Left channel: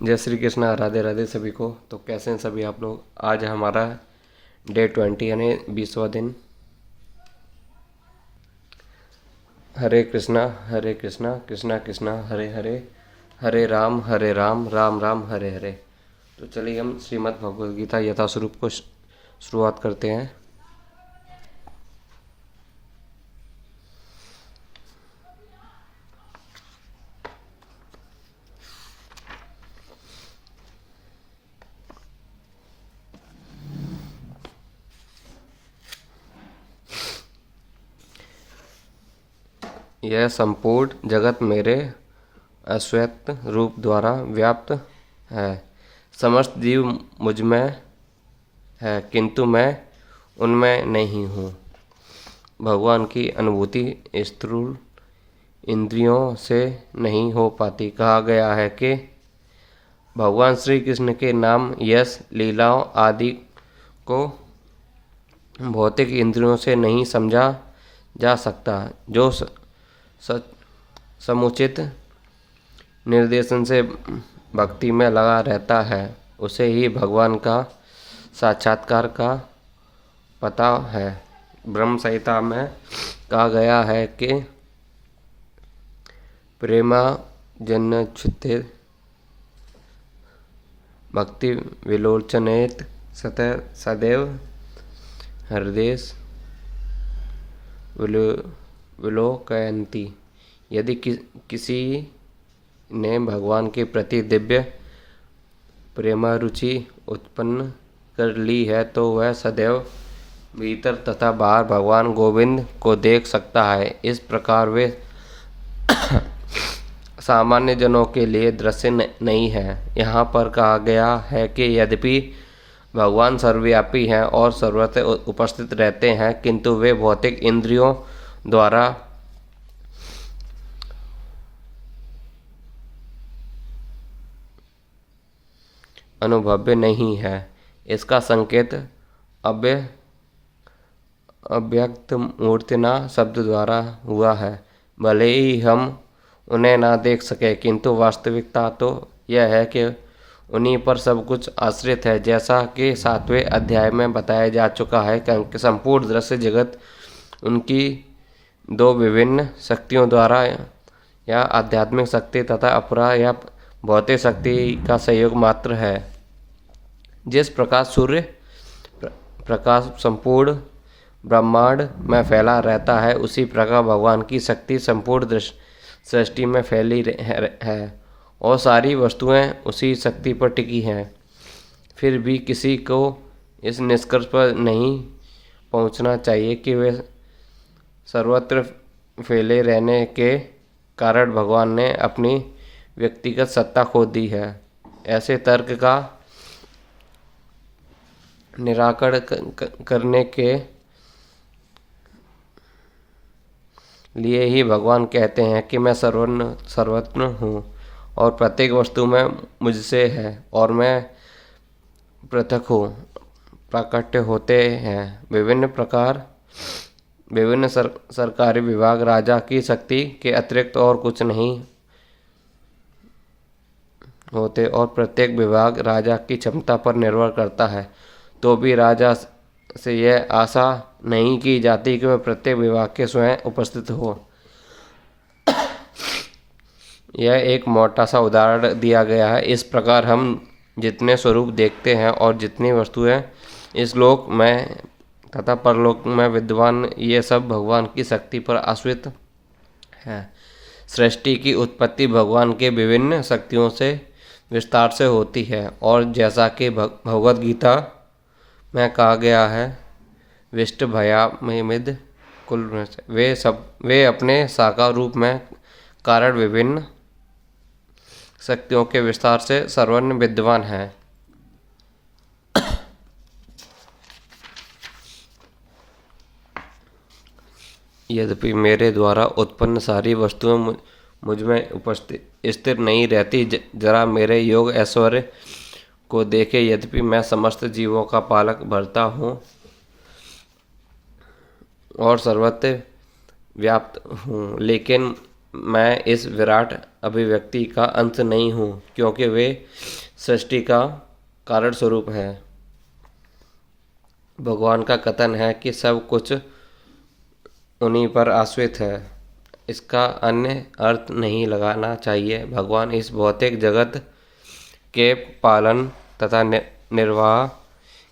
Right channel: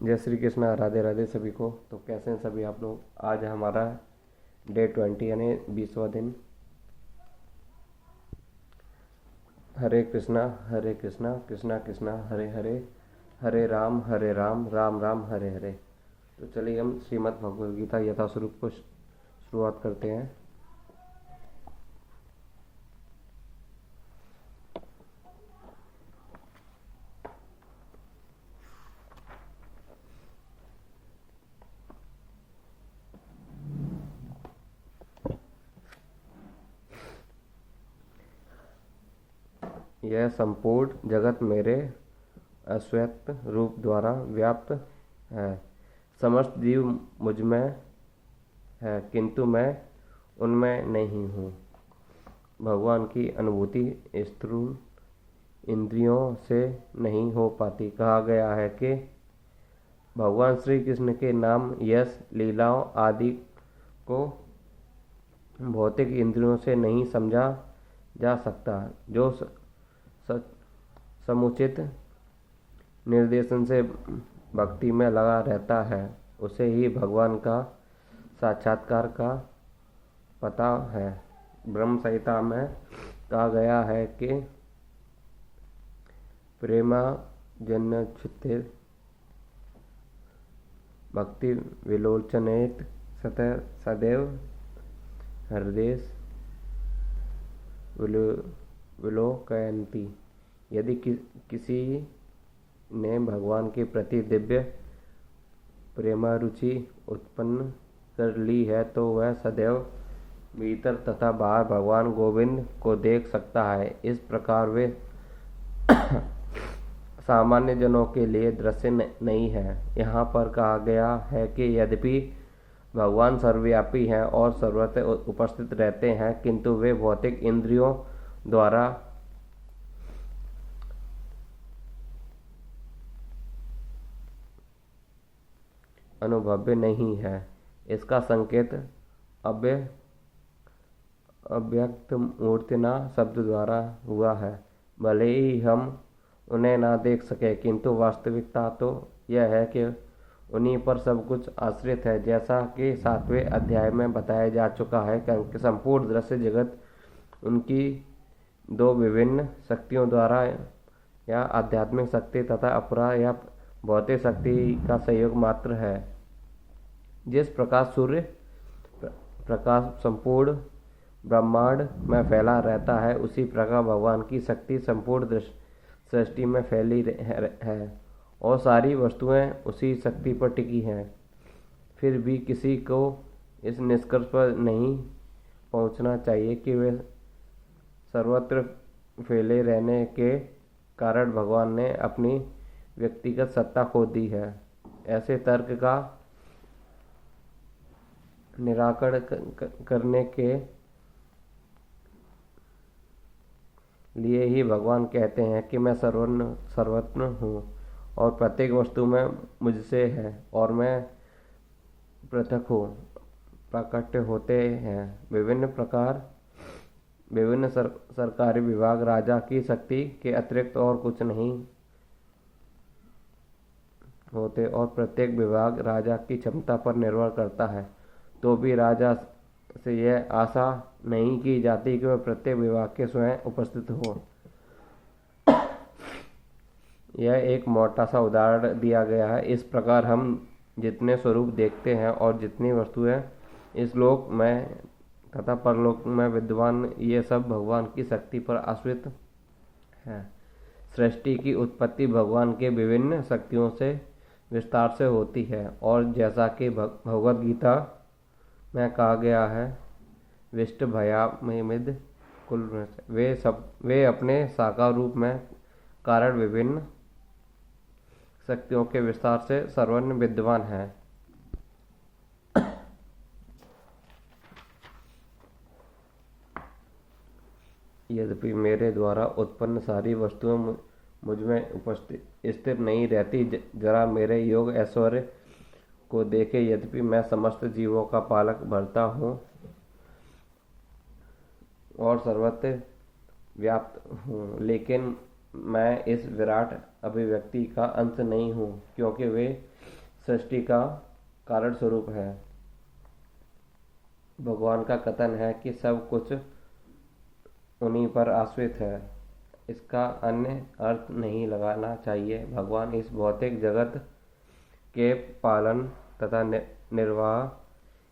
जय श्री कृष्णा, राधे राधे सभी को। तो कैसे हैं सभी आप लोग। आज है हमारा डे 20 यानी 20वां दिन। हरे कृष्णा कृष्णा कृष्णा हरे हरे, हरे राम राम राम हरे हरे। तो चलिए हम श्रीमद् भगवद गीता यथास्वरूप को शुरुआत करते हैं। यह संपूर्ण जगत मेरे अश्वत्थ रूप द्वारा व्याप्त है। समस्त जीव मुझ में है, किंतु मैं उनमें नहीं हूँ। भगवान की अनुभूति स्थूल इंद्रियों से नहीं हो पाती। कहा गया है कि भगवान श्री कृष्ण के नाम, यश, लीलाओं आदि को भौतिक इंद्रियों से नहीं समझा जा सकता। जो समुचित निर्देशन से भक्ति में लगा रहता है, उसे ही भगवान का साक्षात्कार का पता है। ब्रह्म संहिता में कहा गया है कि प्रेमा जन्नच्युते भक्ति विलोचनेत सदैव हृदय विलोकयन्ति। यदि किसी ने भगवान के प्रति दिव्य प्रेमारुचि उत्पन्न कर ली है, तो वह सदैव भीतर तथा बाहर भगवान गोविंद को देख सकता है। इस प्रकार वे सामान्य जनों के लिए दृश्य नहीं है। यहाँ पर कहा गया है कि यद्यपि भगवान सर्वव्यापी हैं और सर्वत्र उपस्थित रहते हैं, किंतु वे भौतिक इंद्रियों द्वारा अनुभव्य नहीं है। इसका संकेत अव्यक्त मूर्तिना शब्द द्वारा हुआ है। भले ही हम उन्हें ना देख सके, किंतु वास्तविकता तो यह है कि उन्हीं पर सब कुछ आश्रित है। जैसा कि 7वें अध्याय में बताया जा चुका है कि संपूर्ण दृश्य जगत उनकी दो विभिन्न शक्तियों द्वारा, या आध्यात्मिक शक्ति तथा अपरा या भौतिक शक्ति का सहयोग मात्र है। जिस प्रकार सूर्य प्रकाश संपूर्ण ब्रह्मांड में फैला रहता है, उसी प्रकार भगवान की शक्ति संपूर्ण सृष्टि में फैली है और सारी वस्तुएं उसी शक्ति पर टिकी हैं। फिर भी किसी को इस निष्कर्ष पर नहीं पहुंचना चाहिए कि वे सर्वत्र फैले रहने के कारण भगवान ने अपनी व्यक्तिगत सत्ता खो दी है। ऐसे तर्क का निराकरण करने के लिए ही भगवान कहते हैं कि मैं सर्वत्र हूँ और प्रत्येक वस्तु में मुझसे है और मैं पृथक हूँ। प्राकट्य होते हैं विभिन्न सरकारी विभाग राजा की शक्ति के अतिरिक्त और कुछ नहीं होते और प्रत्येक विभाग राजा की क्षमता पर निर्भर करता है। तो भी राजा से यह आशा नहीं की जाती कि वह प्रत्येक विभाग के स्वयं उपस्थित हो। यह एक मोटा सा उदाहरण दिया गया है। इस प्रकार हम जितने स्वरूप देखते हैं और जितनी वस्तुएं इस लोक में तथा परलोक में विद्वान, ये सब भगवान की शक्ति पर आश्रित है। सृष्टि की उत्पत्ति भगवान के विभिन्न शक्तियों से विस्तार से होती है और जैसा कि भगवद गीता में कहा गया है, विष्ट भयामिद कुल वे अपने साकार रूप में कारण विभिन्न शक्तियों के विस्तार से सर्वज्ञ विद्वान हैं। यद्यपि मेरे द्वारा उत्पन्न सारी वस्तुएं मुझ में उपस्थित स्थिर नहीं रहती। जरा मेरे योग ऐश्वर्य को देखे। यद्यपि मैं समस्त जीवों का पालक भरता हूँ और सर्वत्र व्याप्त हूँ, लेकिन मैं इस विराट अभिव्यक्ति का अंत नहीं हूँ, क्योंकि वे सृष्टि का कारण स्वरूप है। भगवान का कथन है कि सब कुछ उन्हीं पर आश्रित है। इसका अन्य अर्थ नहीं लगाना चाहिए। भगवान इस भौतिक जगत के पालन तथा निर्वाह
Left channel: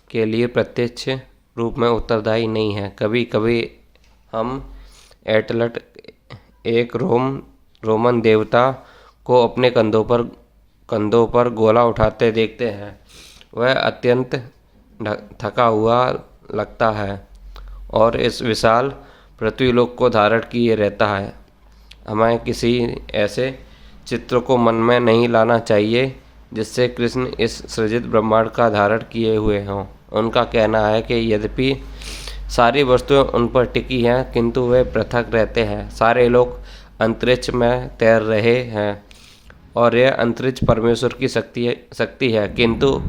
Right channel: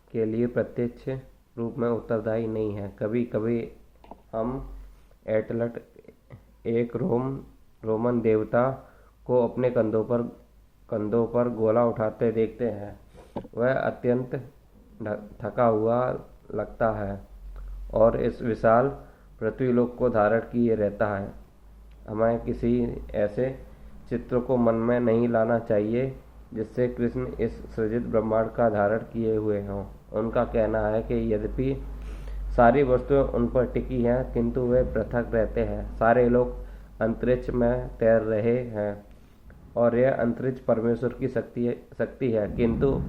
के लिए प्रत्यक्ष रूप में उत्तरदायी नहीं है। कभी कभी हम एटलट एक रोमन देवता को अपने कंधों पर गोला उठाते देखते हैं। वह अत्यंत थका हुआ लगता है और इस विशाल पृथ्वीलोक को धारण किए रहता है। हमें किसी ऐसे चित्र को मन में नहीं लाना चाहिए जिससे कृष्ण इस सृजित ब्रह्मांड का धारण किए हुए हों। उनका कहना है कि यद्यपि सारी वस्तुएं उन पर टिकी हैं, किंतु वे पृथक रहते हैं। सारे लोग अंतरिक्ष में तैर रहे हैं और यह अंतरिक्ष परमेश्वर की शक्ति है, किंतु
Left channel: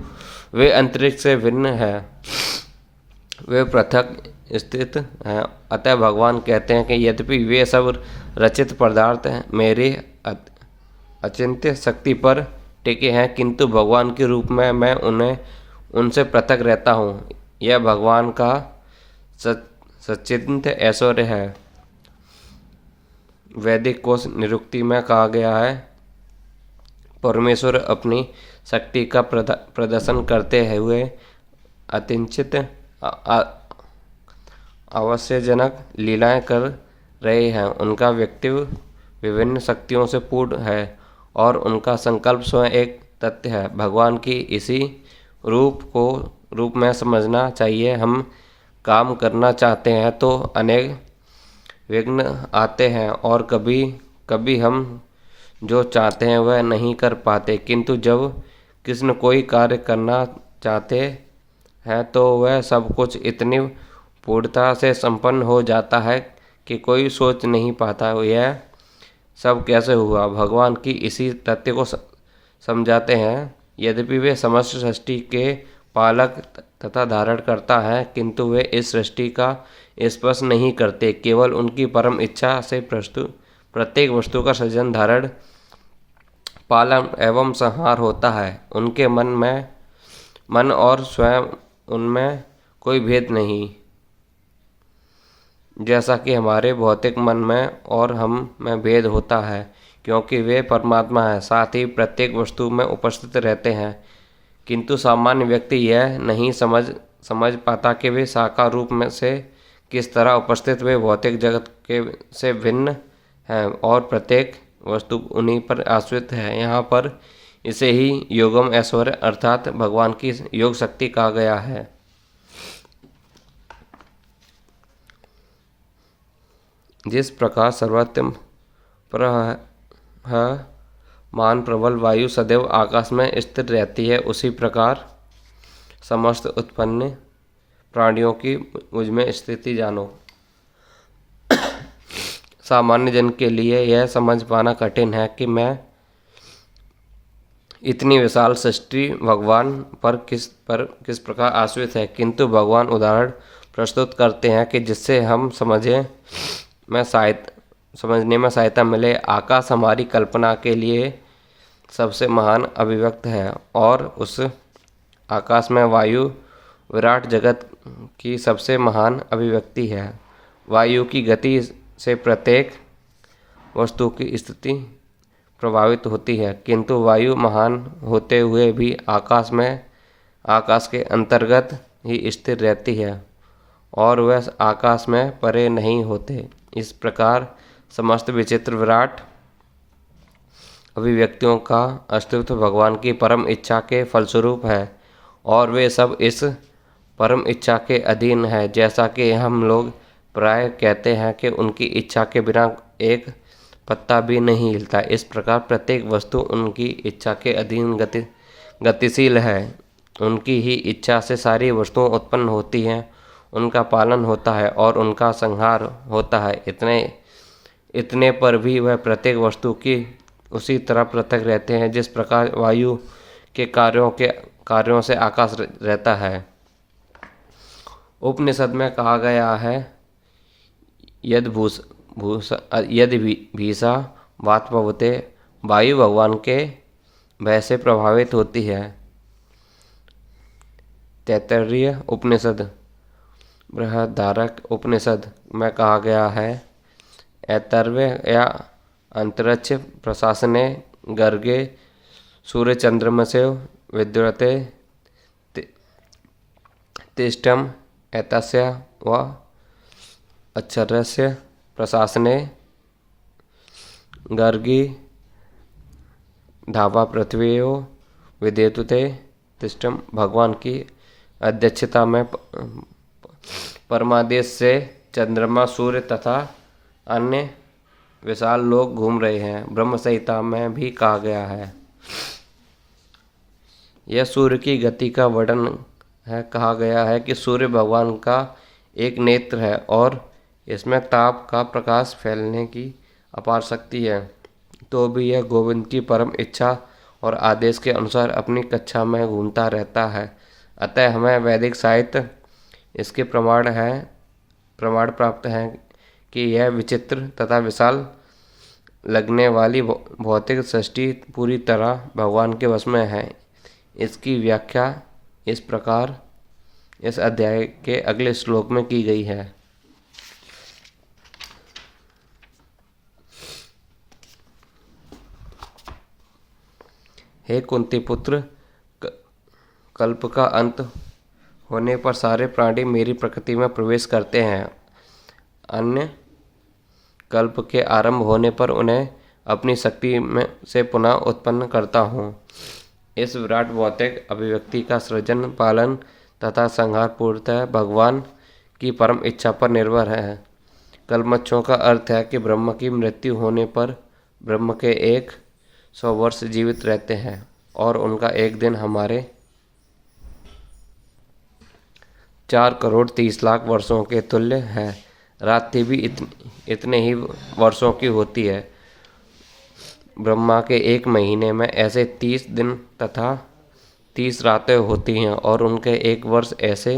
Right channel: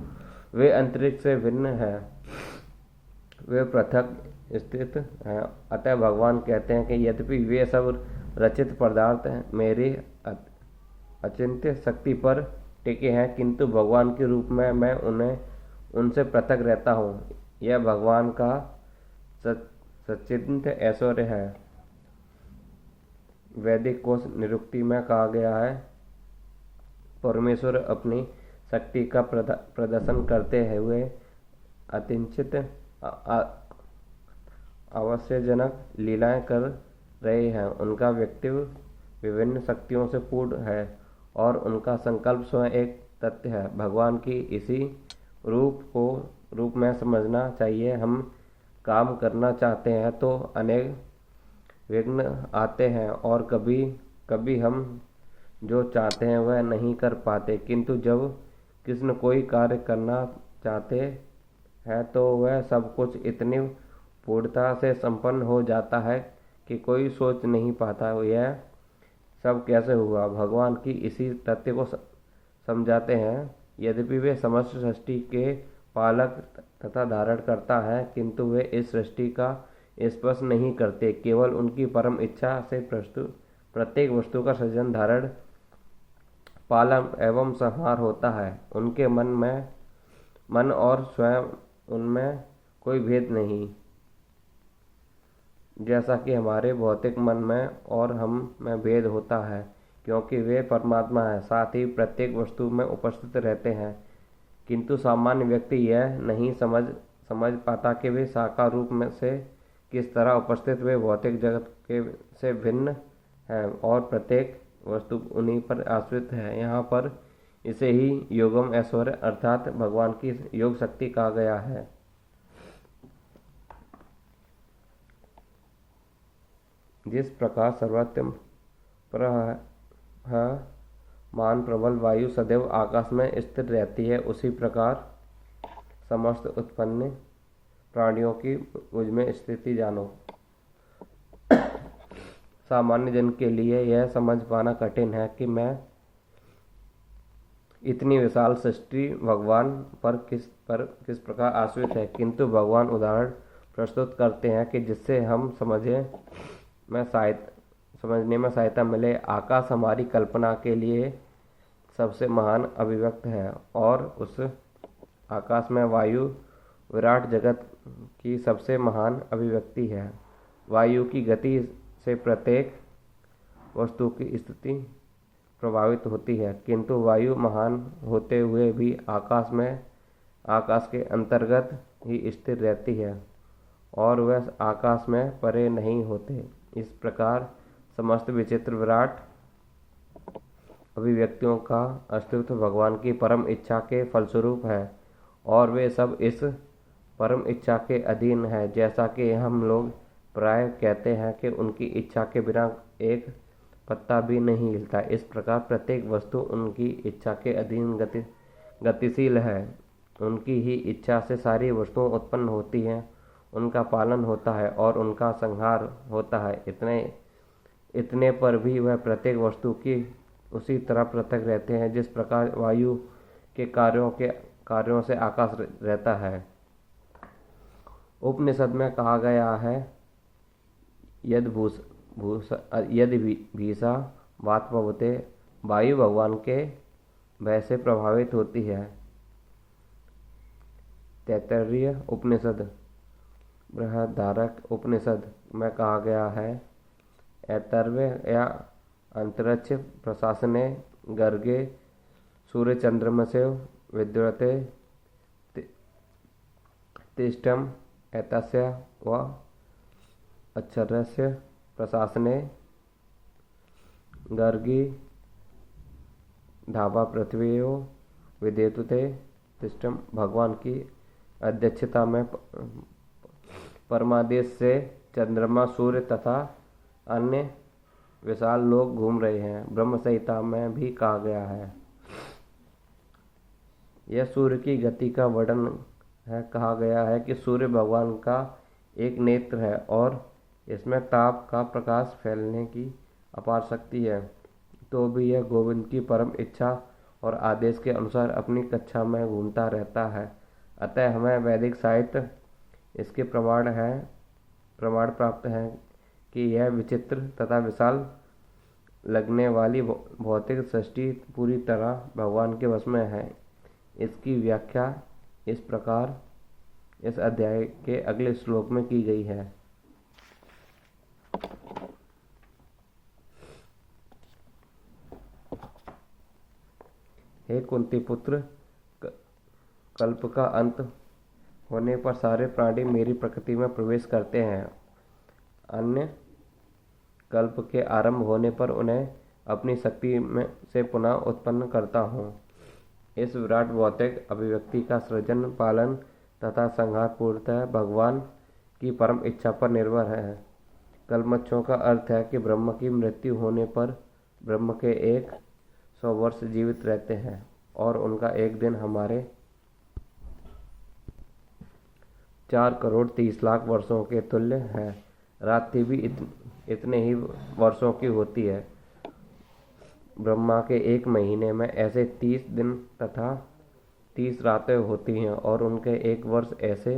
वे अंतरिक्ष से भिन्न हैं, वे पृथक स्थित हैं। अतः भगवान कहते हैं कि यद्यपि वे सब रचित पदार्थ मेरी अचिंत्य शक्ति पर टिके हैं, किंतु भगवान के रूप में मैं उनसे पृथक रहता हूँ। यह भगवान का सच्चिद ऐश्वर्य है। वैदिक कोश निरुक्ति में कहा गया है, परमेश्वर अपनी शक्ति का प्रदर्शन करते हुए अतिंचित आवश्यजनक लीलाएं कर रहे हैं। उनका व्यक्तित्व विभिन्न शक्तियों से पूर्ण है और उनका संकल्प स्वयं एक तथ्य है। भगवान की इसी रूप में समझना चाहिए। हम काम करना चाहते हैं तो अनेक विघ्न आते हैं और कभी कभी हम जो चाहते हैं वह नहीं कर पाते, किंतु जब कृष्ण कोई कार्य करना चाहते हैं तो वह सब कुछ इतनी पूर्णता से संपन्न हो जाता है कि कोई सोच नहीं पाता यह सब कैसे हुआ। भगवान की इसी तथ्य को समझाते हैं। यद्यपि वे समस्त सृष्टि के पालक तथा धारण करता है, किंतु वे इस सृष्टि का स्पर्श नहीं करते। केवल उनकी परम इच्छा से प्रत्येक वस्तु का सृजन, धारण, पालन एवं संहार होता है। उनके मन और स्वयं उनमें कोई भेद नहीं, जैसा कि हमारे भौतिक मन में और हम में भेद होता है, क्योंकि वे परमात्मा है, साथ ही प्रत्येक वस्तु में उपस्थित रहते हैं। किंतु सामान्य व्यक्ति यह नहीं समझ पाता कि वे साकार रूप में से किस तरह उपस्थित वे भौतिक जगत के से भिन्न हैं और प्रत्येक वस्तु उन्हीं पर आश्रित है। यहाँ पर इसे ही योगम ऐश्वर्य अर्थात भगवान की योग शक्ति कहा गया है। जिस प्रकार सर्वत्र मान प्रबल वायु सदैव आकाश में स्थिर रहती है, उसी प्रकार समस्त उत्पन्न प्राणियों की मुझमें स्थिति जानो। सामान्य जन के लिए यह समझ पाना कठिन है कि मैं इतनी विशाल सृष्टि भगवान पर किस प्रकार आश्रित है, किंतु भगवान उदाहरण प्रस्तुत करते हैं कि जिससे हम समझने में सहायता मिले। आकाश हमारी कल्पना के लिए सबसे महान अभिव्यक्त है और उस आकाश में वायु विराट जगत की सबसे महान अभिव्यक्ति है। वायु की गति से प्रत्येक वस्तु की स्थिति प्रभावित होती है, किंतु वायु महान होते हुए भी आकाश के अंतर्गत ही स्थिर रहती है और वह आकाश में परे नहीं होते। इस प्रकार समस्त विचित्र विराट अभिव्यक्तियों का अस्तित्व भगवान की परम इच्छा के फलस्वरूप है और वे सब इस परम इच्छा के अधीन है। जैसा कि हम लोग प्राय कहते हैं कि उनकी इच्छा के बिना एक पत्ता भी नहीं हिलता, इस प्रकार प्रत्येक वस्तु उनकी इच्छा के अधीन गतिशील है। उनकी ही इच्छा से सारी वस्तुएं उत्पन्न होती हैं, उनका पालन होता है और उनका संहार होता है। इतने पर भी वह प्रत्येक वस्तु की उसी तरह पृथक रहते हैं जिस प्रकार वायु के कार्यों से आकाश रहता है। उपनिषद में कहा गया है, यदि भीषा वात्पवते वायु भगवान के भय से प्रभावित होती है। तैत्तरीय उपनिषद बृहदारण्यक उपनिषद में कहा गया है, ऐतर्वे या अंतरिक्ष प्रशासने गर्गे सूर्य चंद्रमसे विद्युते तिष्ठम एतस्य व अक्षरस्य प्रशासने गर्गी धावा पृथ्वीयो विद्युते तिष्ठम। भगवान की अध्यक्षता में परमादेश से चंद्रमा, सूर्य तथा अन्य विशाल लोग घूम रहे हैं। ब्रह्म संहिता में भी कहा गया है। यह सूर्य की गति का वर्णन है। कहा गया है कि सूर्य भगवान का एक नेत्र है और इसमें ताप का प्रकाश फैलने की अपार शक्ति है। तो भी यह गोविंद की परम इच्छा और आदेश के अनुसार अपनी कक्षा में घूमता रहता है। अतः हमें वैदिक साहित्य इसके प्रमाण प्राप्त हैं कि यह विचित्र तथा विशाल लगने वाली भौतिक सृष्टि पूरी तरह भगवान के वश में है। इसकी व्याख्या इस प्रकार इस अध्याय के अगले श्लोक में की गई है। हे कुंती पुत्र, कल्प का अंत होने पर सारे प्राणी मेरी प्रकृति में प्रवेश करते हैं। अन्य कल्प के आरंभ होने पर उन्हें अपनी शक्ति में से पुनः उत्पन्न करता हूँ। इस विराट भौतिक अभिव्यक्ति का सृजन, पालन तथा संहार पूर्णतः भगवान की परम इच्छा पर निर्भर है। कल्मच्छों का अर्थ है कि ब्रह्म की मृत्यु होने पर ब्रह्म के 100 वर्ष जीवित रहते हैं और उनका एक दिन हमारे 4,30,00,000 वर्षों के तुल्य है। रात्रि भी इतने ही वर्षों की होती है। ब्रह्मा के 1 महीने में ऐसे 30 दिन तथा 30 रातें होती हैं और उनके 1 वर्ष ऐसे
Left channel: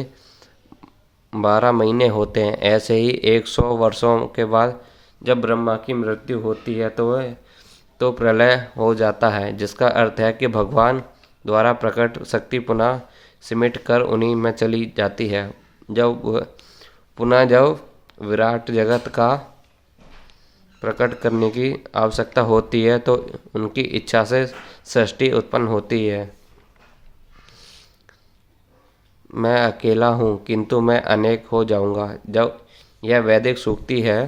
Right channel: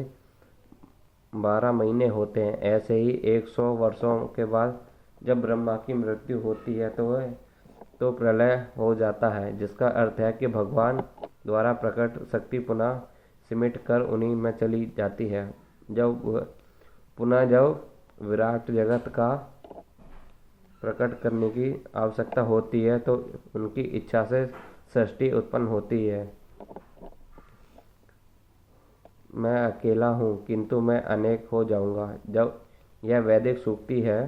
12 महीने होते हैं। ऐसे ही 100 वर्षों के बाद जब ब्रह्मा की मृत्यु होती है तो प्रलय हो जाता है, जिसका अर्थ है कि भगवान द्वारा प्रकट शक्ति पुनः सिमट कर उन्हीं में चली जाती है। जब विराट जगत का प्रकट करने की आवश्यकता होती है तो उनकी इच्छा से सृष्टि उत्पन्न होती है। मैं अकेला हूँ किंतु मैं अनेक हो जाऊँगा। जब यह वैदिक सूक्ति है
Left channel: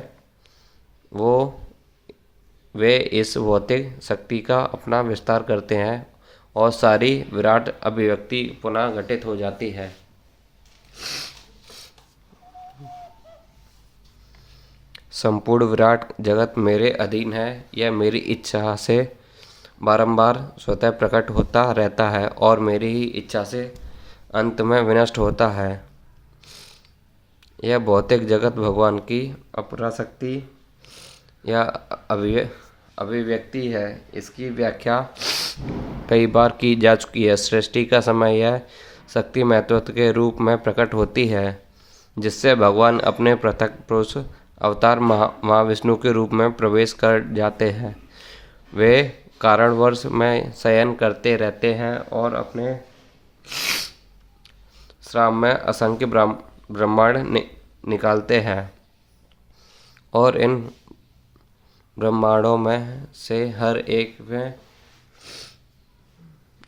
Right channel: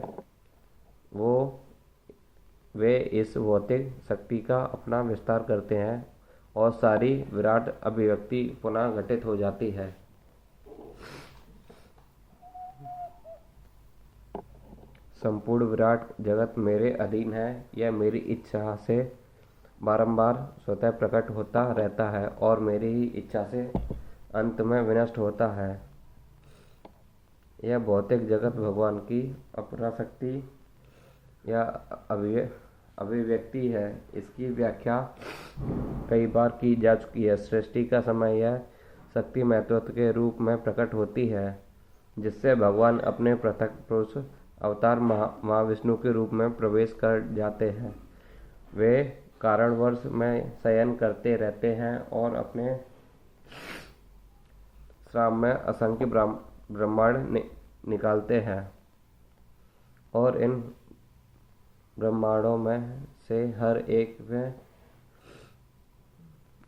वे इस भौतिक शक्ति का अपना विस्तार करते हैं और सारी विराट अभिव्यक्ति पुनः घटित हो जाती है। संपूर्ण विराट जगत मेरे अधीन है। यह मेरी इच्छा से बारंबार स्वतः प्रकट होता रहता है और मेरी ही इच्छा से अंत में विनष्ट होता है। यह भौतिक जगत भगवान की अपराशक्ति या अभिव्यक्ति है। इसकी व्याख्या कई बार की जा चुकी है। सृष्टि का समय यह शक्ति महत्व के रूप में प्रकट होती है, जिससे भगवान अपने पृथक पुरुष अवतार महाविष्णु के रूप में प्रवेश कर जाते हैं। वे कारणवश में शयन करते रहते हैं और अपने श्राम में असंख्य ब्रह्मांड निकालते हैं और इन ब्रह्मांडों में से हर एक में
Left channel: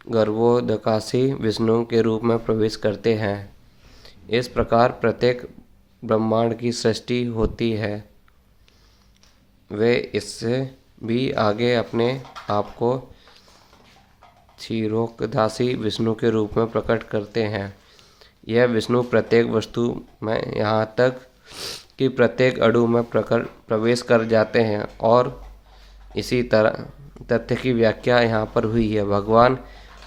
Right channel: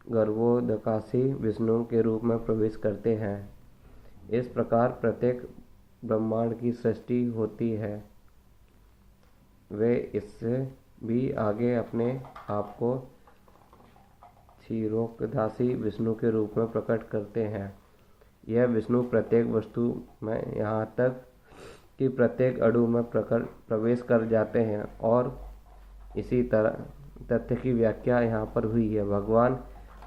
गर्भोदकाशी विष्णु के रूप में प्रवेश करते हैं। इस प्रकार प्रत्येक ब्रह्मांड की सृष्टि होती है। वे इससे भी आगे अपने आप को क्षीरोदकाशी विष्णु के रूप में प्रकट करते हैं। यह विष्णु प्रत्येक वस्तु में यहाँ तक कि प्रत्येक अणु में प्रवेश कर जाते हैं और इसी तरह तथ्य की व्याख्या यहाँ पर हुई है। भगवान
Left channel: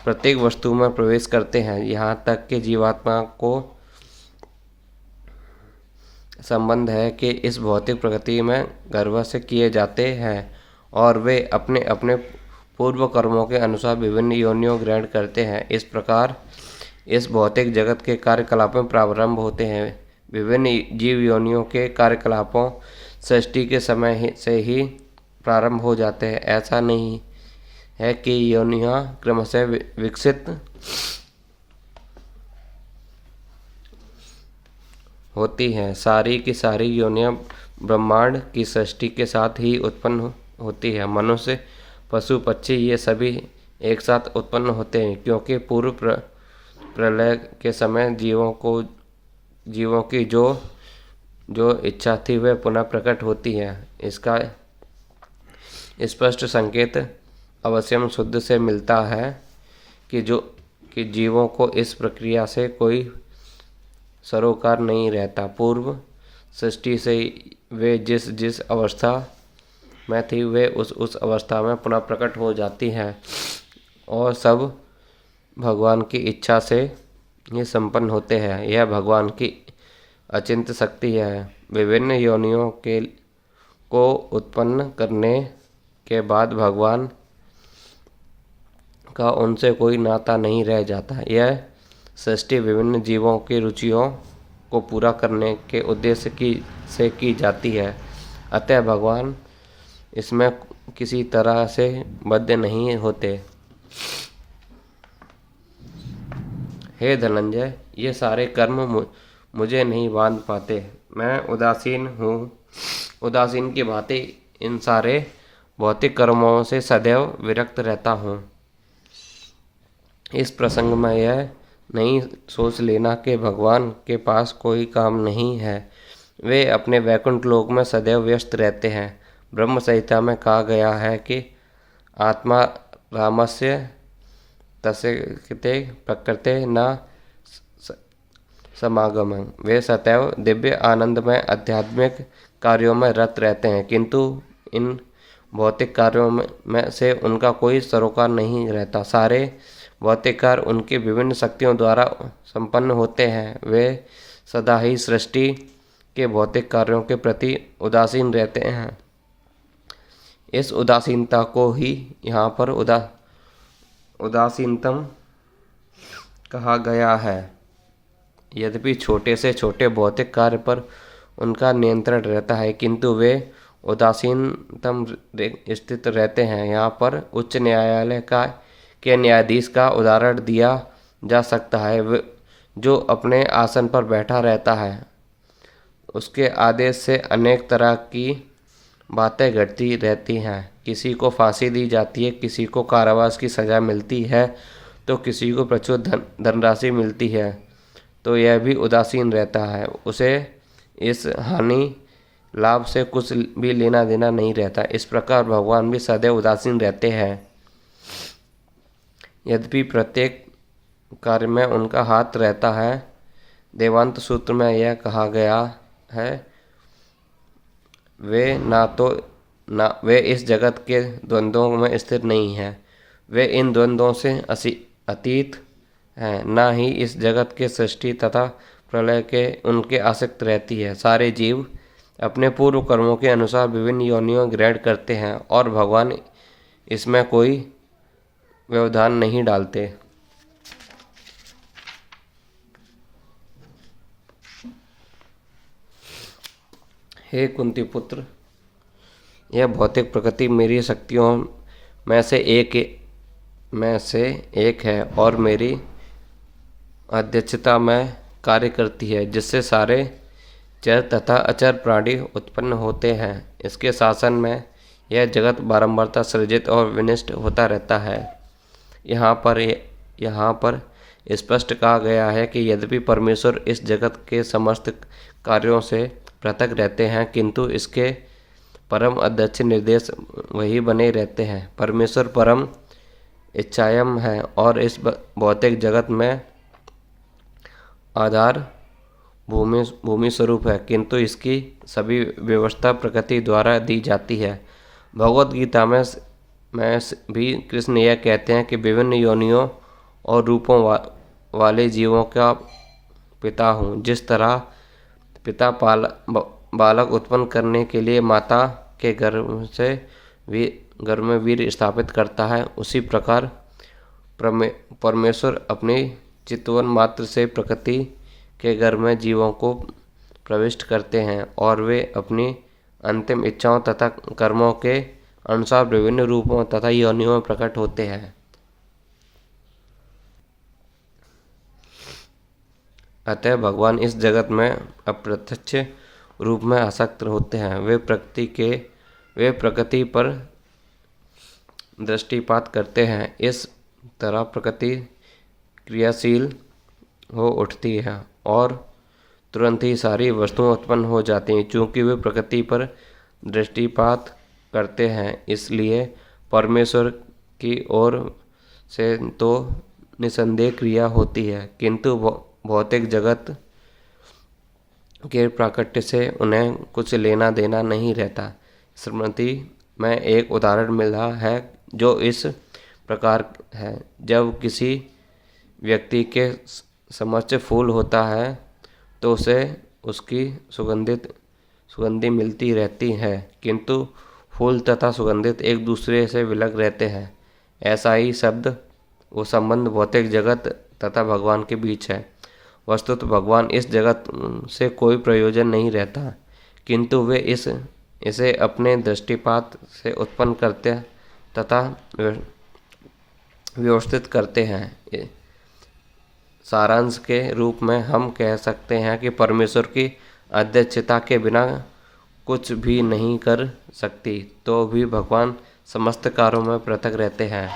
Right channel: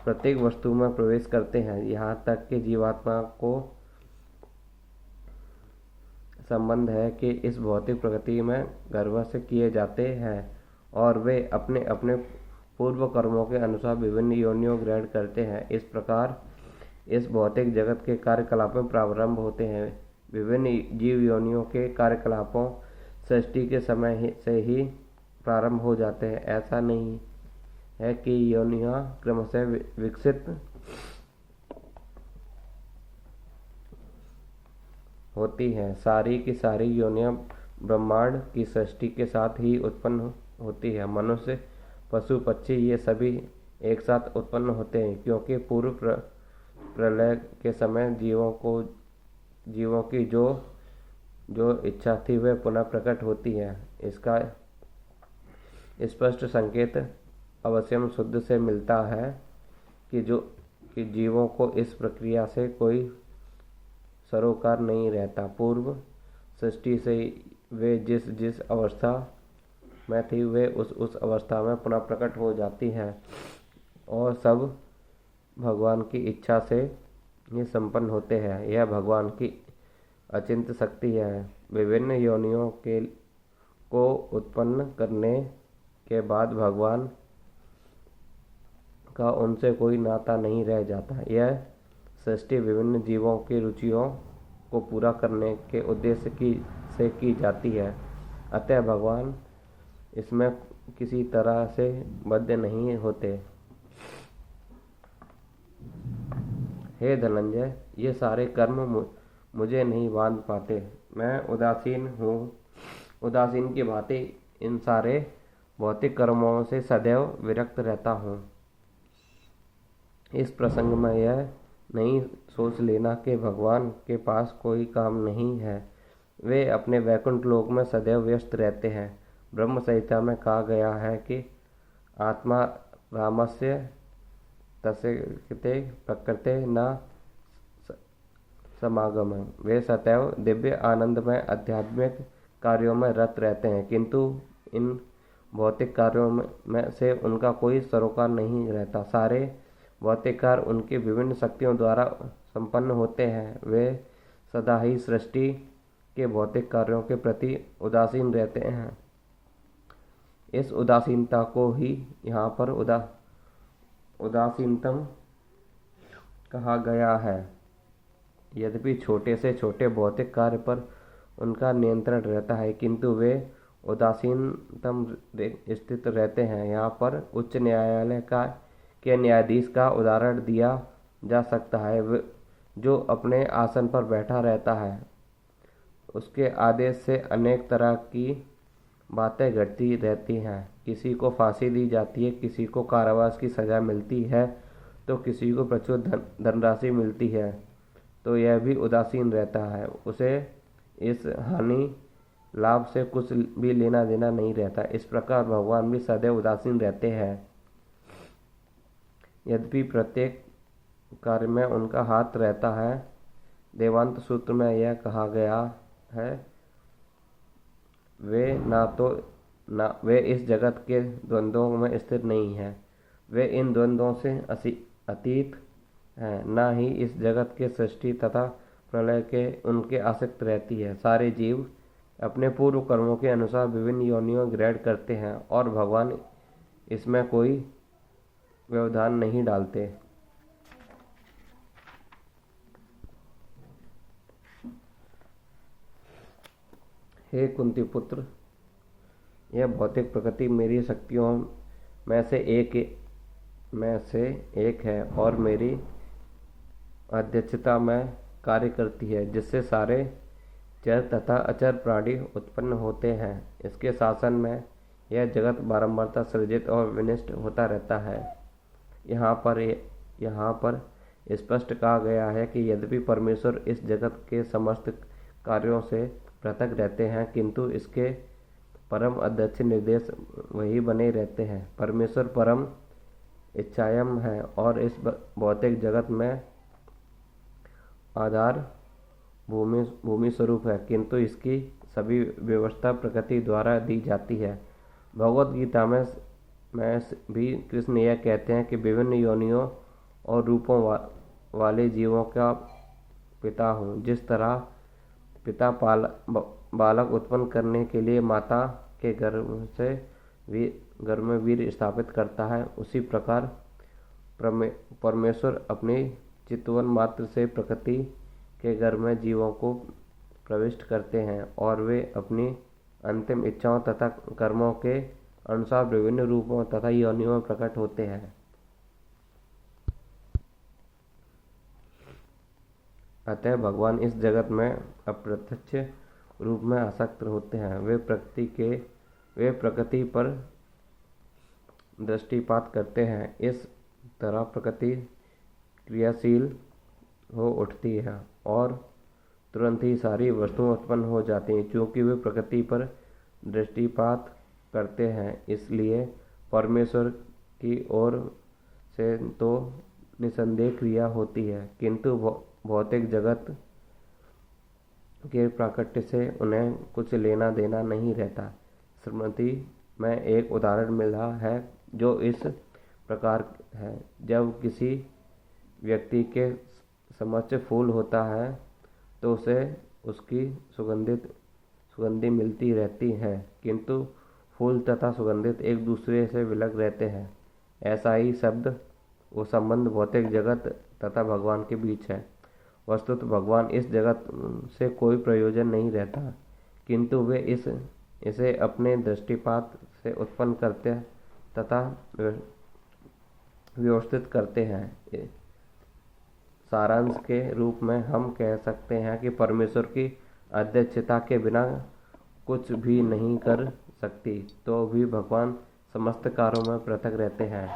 प्रत्येक वस्तु में प्रवेश करते हैं, यहाँ तक कि जीवात्मा को संबंध है कि इस भौतिक प्रकृति में गर्भ से किए जाते हैं और वे अपने अपने पूर्व कर्मों के अनुसार विभिन्न योनियों ग्रहण करते हैं। इस प्रकार इस भौतिक जगत के कार्यकलापों प्रारंभ होते हैं। विभिन्न जीव योनियों के कार्यकलापों सृष्टि के समय से ही प्रारंभ हो जाते हैं। ऐसा नहीं है कि योनियां क्रमशः विकसित होती हैं। सारी की सारी योनियां ब्रह्मांड की सृष्टि के साथ ही उत्पन्न होती है। मनुष्य, पशु, पक्षी ये सभी एक साथ उत्पन्न होते हैं, क्योंकि पूर्व प्रलय के समय जीवों की जो जो इच्छा थी वह पुनः प्रकट होती है। इसका स्पष्ट संकेत अवश्यम शुद्ध से मिलता है कि जीवों को इस प्रक्रिया से कोई सरोकार नहीं रहता। पूर्व सृष्टि से वे जिस जिस अवस्था में थी वे उस अवस्था में पुनः प्रकट हो जाती है, और सब भगवान की इच्छा से ये संपन्न होते हैं। यह भगवान की अचिंत्य शक्ति है। विभिन्न योनियों को उत्पन्न करने के बाद भगवान का उनसे कोई नाता नहीं रह जाता। यह सृष्टि विभिन्न जीवों की रुचियों को पूरा करने के उद्देश्य से की जाती है। अतः भगवान इसमें किसी तरह से बद्ध नहीं होते। हे धनंजय, ये सारे कर्म मुझे नहीं बांध पाते। मैं उदासीन हूँ। उदासीन की भांति इन सारे भौतिक कर्मों से सदैव विरक्त रहता हूँ। इस प्रसंग में यह नहीं सोच लेना कि भगवान के पास कोई काम नहीं है। वे अपने वैकुंठ लोक में सदैव व्यस्त रहते हैं। ब्रह्म संहिता में कहा गया है कि आत्मा रामस्य तस्य प्रकृते न समागम। वे सदैव दिव्य आनंद में आध्यात्मिक कार्यों में रत रहते हैं, किंतु इन भौतिक कार्यों में से उनका कोई सरोकार नहीं रहता। सारे भौतिक कार्य उनकी विभिन्न शक्तियों द्वारा संपन्न होते हैं। वे सदा ही सृष्टि के भौतिक कार्यों के प्रति उदासीन रहते हैं। इस उदासीनता को ही यहाँ पर उदासीनतम कहा गया है। यद्यपि छोटे से छोटे भौतिक कार्य पर उनका नियंत्रण रहता है, किंतु वे उदासीनतम स्थित रहते हैं। यहाँ पर उच्च न्यायालय के न्यायाधीश का उदाहरण दिया जा सकता है, जो अपने आसन पर बैठा रहता है। उसके आदेश से अनेक तरह की बातें घटती रहती हैं। किसी को फांसी दी जाती है, किसी को कारावास की सज़ा मिलती है, तो किसी को प्रचुर धनराशि मिलती है, तो यह भी उदासीन रहता है। उसे इस हानि लाभ से कुछ भी लेना देना नहीं रहता। इस प्रकार भगवान भी सदैव उदासीन रहते हैं। यद्यपि प्रत्येक कार्य में उनका हाथ रहता है। देवांत सूत्र में यह कहा गया है, वे इस जगत के द्वंद्वों में स्थिर नहीं हैं। वे इन द्वंद्वों से अतीत हैं। न ही इस जगत के सृष्टि तथा प्रलय के उनके आसक्त रहती है। सारे जीव अपने पूर्व कर्मों के अनुसार विभिन्न योनियों ग्रहण करते हैं, और भगवान इसमें कोई व्यवधान नहीं डालते। हे कुंती पुत्र, यह भौतिक प्रकृति मेरी शक्तियों में से एक है और मेरी अध्यक्षता में कार्य करती है, जिससे सारे चर तथा अचर प्राणी उत्पन्न होते हैं। इसके शासन में यह जगत बारंबारता सृजित और विनष्ट होता रहता है। यहाँ पर स्पष्ट कहा गया है कि यद्यपि परमेश्वर इस जगत के समस्त कार्यों से पृथक रहते हैं, किंतु इसके परम अध्यक्ष निर्देश वही बने रहते हैं। परमेश्वर परम इच्छायम है और इस भौतिक जगत में आधार भूमि स्वरूप है, किंतु इसकी सभी व्यवस्था प्रकृति द्वारा दी जाती है। भगवद गीता में भी कृष्ण यह कहते हैं कि विभिन्न योनियों और रूपों वाले जीवों का पिता हूँ। जिस तरह पिता बालक उत्पन्न करने के लिए माता के गर्भ में वीर्य स्थापित करता है, उसी प्रकार परमेश्वर अपनी चितवन मात्र से प्रकृति के गर्भ में जीवों को प्रविष्ट करते हैं, और वे अपनी अंतिम इच्छाओं तथा कर्मों के अनुसार विभिन्न रूपों तथा योनियों में प्रकट होते हैं। अतः भगवान इस जगत में अप्रत्यक्ष रूप में आसक्त होते हैं। वे प्रकृति पर दृष्टिपात करते हैं। इस तरह प्रकृति क्रियाशील हो उठती है और तुरंत ही सारी वस्तुएं उत्पन्न हो जाती हैं। चूँकि वे प्रकृति पर दृष्टिपात करते हैं, इसलिए परमेश्वर की ओर से तो निसंदेह क्रिया होती है, किंतु भौतिक जगत के प्राकट्य से उन्हें कुछ लेना देना नहीं रहता। स्मृति में एक उदाहरण मिला है जो इस प्रकार है। जब किसी व्यक्ति के समक्ष फूल होता है तो उसे उसकी सुगंधि मिलती रहती है, किंतु फूल तथा सुगंधित एक दूसरे से विलग रहते हैं। ऐसा ही वो संबंध भौतिक जगत तथा भगवान के बीच है। वस्तुतः भगवान इस जगत से कोई प्रयोजन नहीं रहता, किंतु वे इसे अपने दृष्टिपात से उत्पन्न करते तथा व्यवस्थित करते हैं। सारांश के रूप में हम कह सकते हैं कि परमेश्वर की अध्यक्षता के बिना कुछ भी नहीं कर सकती, तो भी भगवान समस्त कार्यों में पृथक रहते हैं।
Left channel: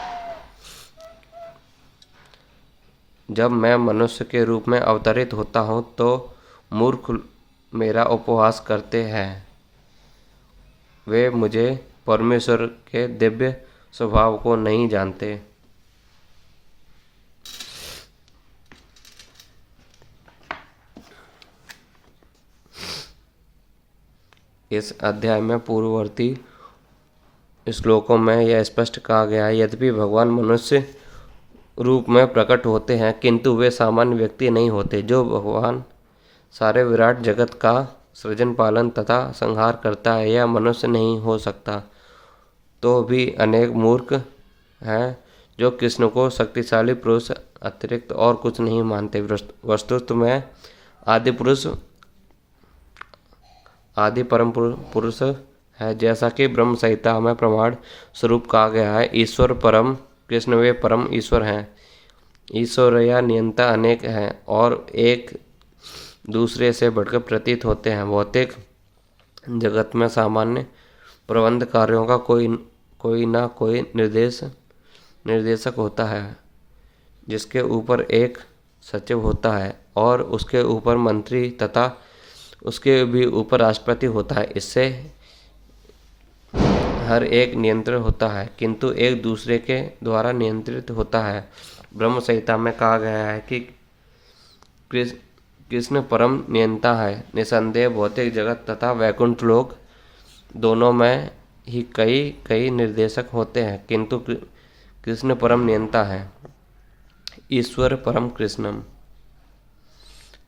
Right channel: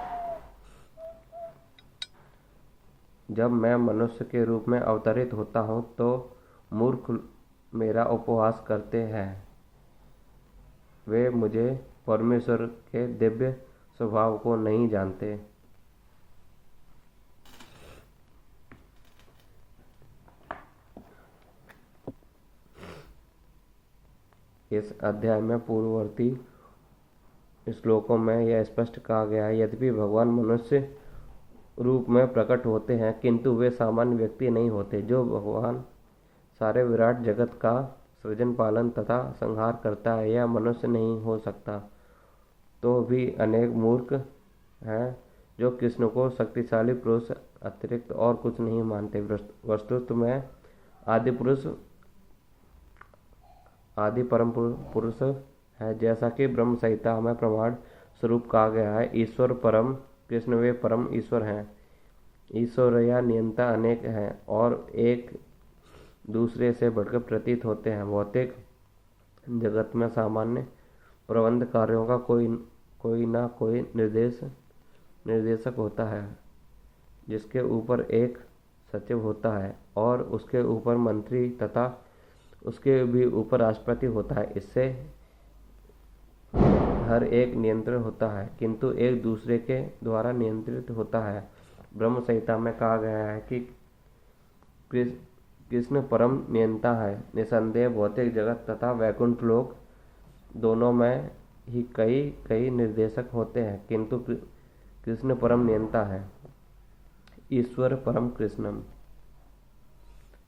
जब मैं मनुष्य के रूप में अवतरित होता हूँ तो मूर्ख मेरा उपहास करते हैं। वे मुझे परमेश्वर के दिव्य स्वभाव को नहीं जानते। इस अध्याय में पूर्ववर्ती श्लोकों में यह स्पष्ट कहा गया है, यद्यपि भगवान मनुष्य रूप में प्रकट होते हैं, किंतु वे सामान्य व्यक्ति नहीं होते। जो भगवान सारे विराट जगत का सृजन पालन तथा संहार करता है, यह मनुष्य नहीं हो सकता। तो भी अनेक मूर्ख हैं जो कृष्ण को शक्तिशाली पुरुष अतिरिक्त और कुछ नहीं मानते। वस्तुतः में आदि परम पुरुष है, जैसा कि ब्रह्म संहिता में प्रमाण स्वरूप कहा गया है। ईश्वर परम कृष्ण वे परम ईश्वर हैं। ईश्वर या नियंता अनेक हैं और एक दूसरे से बढ़कर प्रतीत होते हैं। भौतिक जगत में सामान्य प्रबंध कार्यों का कोई ना कोई निर्देशक होता है, जिसके ऊपर एक सचिव होता है और उसके ऊपर मंत्री तथा उसके भी ऊपर राष्ट्रपति होता है। इससे हर एक नियंत्रण होता है, किंतु एक दूसरे के द्वारा नियंत्रित होता है। ब्रह्म संहिता में कहा गया है कि कृष्ण परम नियंता है। निसंदेह भौतिक जगत तथा वैकुंठ लोक दोनों में ही कई निर्देशक होते हैं, किंतु कृष्ण परम नियंता है। ईश्वर परम कृष्णम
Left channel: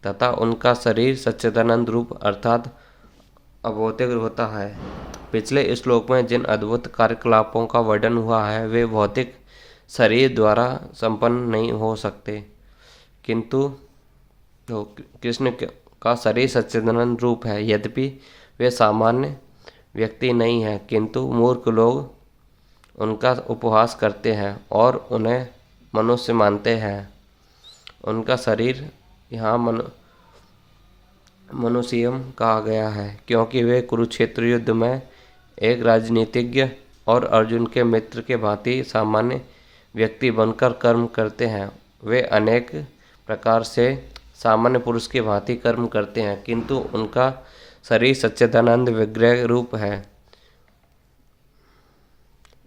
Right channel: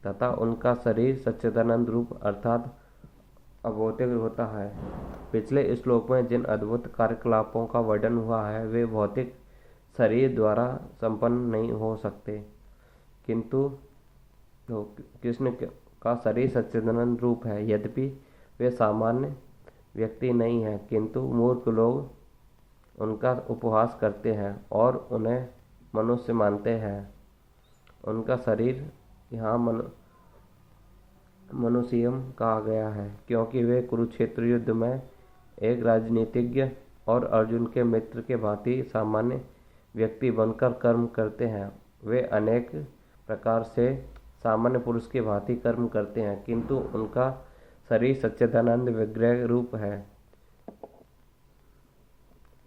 तथा उनका शरीर सच्चिदानंद रूप अर्थात अभौतिक होता है। पिछले श्लोक में जिन अद्भुत कार्यकलापों का वर्णन हुआ है, वे भौतिक शरीर द्वारा संपन्न नहीं हो सकते, किंतु कृष्ण का शरीर सच्चिदानंद रूप है। यद्यपि वे सामान्य व्यक्ति नहीं हैं, किंतु मूर्ख लोग उनका उपहास करते हैं और उन्हें मनुष्य मानते हैं। उनका शरीर यहाँ मनुष्यम कहा गया है, क्योंकि वे कुरुक्षेत्र युद्ध में एक राजनीतिज्ञ और अर्जुन के मित्र के भांति सामान्य व्यक्ति बनकर कर्म करते हैं। वे अनेक प्रकार से सामान्य पुरुष के भांति कर्म करते हैं, किंतु उनका शरीर सच्चिदानंद विग्रह रूप है।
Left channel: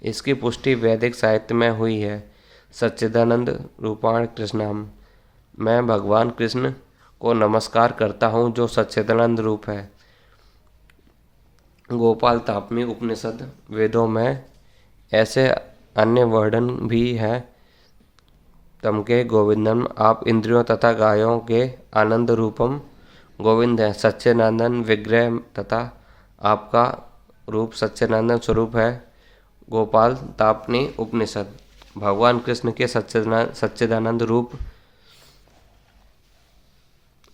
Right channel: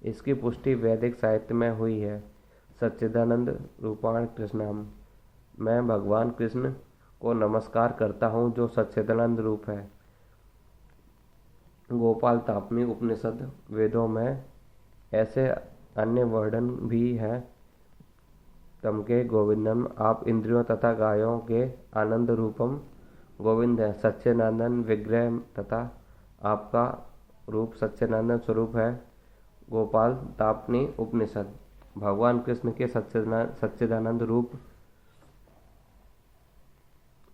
इसकी पुष्टि वैदिक साहित्य में हुई है। सच्चिदानंद रूपाण कृष्णम, मैं भगवान कृष्ण को नमस्कार करता हूँ जो सच्चिदानंद रूप है। गोपाल तापनी उपनिषद वेदों में ऐसे अन्य वर्णन भी है। तमके गोविंदम, आप इंद्रियों तथा गायों के आनंद रूपम गोविंद है। सच्चिदानंद विग्रह तथा आपका रूप सच्चिदानंद स्वरूप है। गोपाल तापनी उपनिषद। भगवान कृष्ण के सच्चिदानंद रूप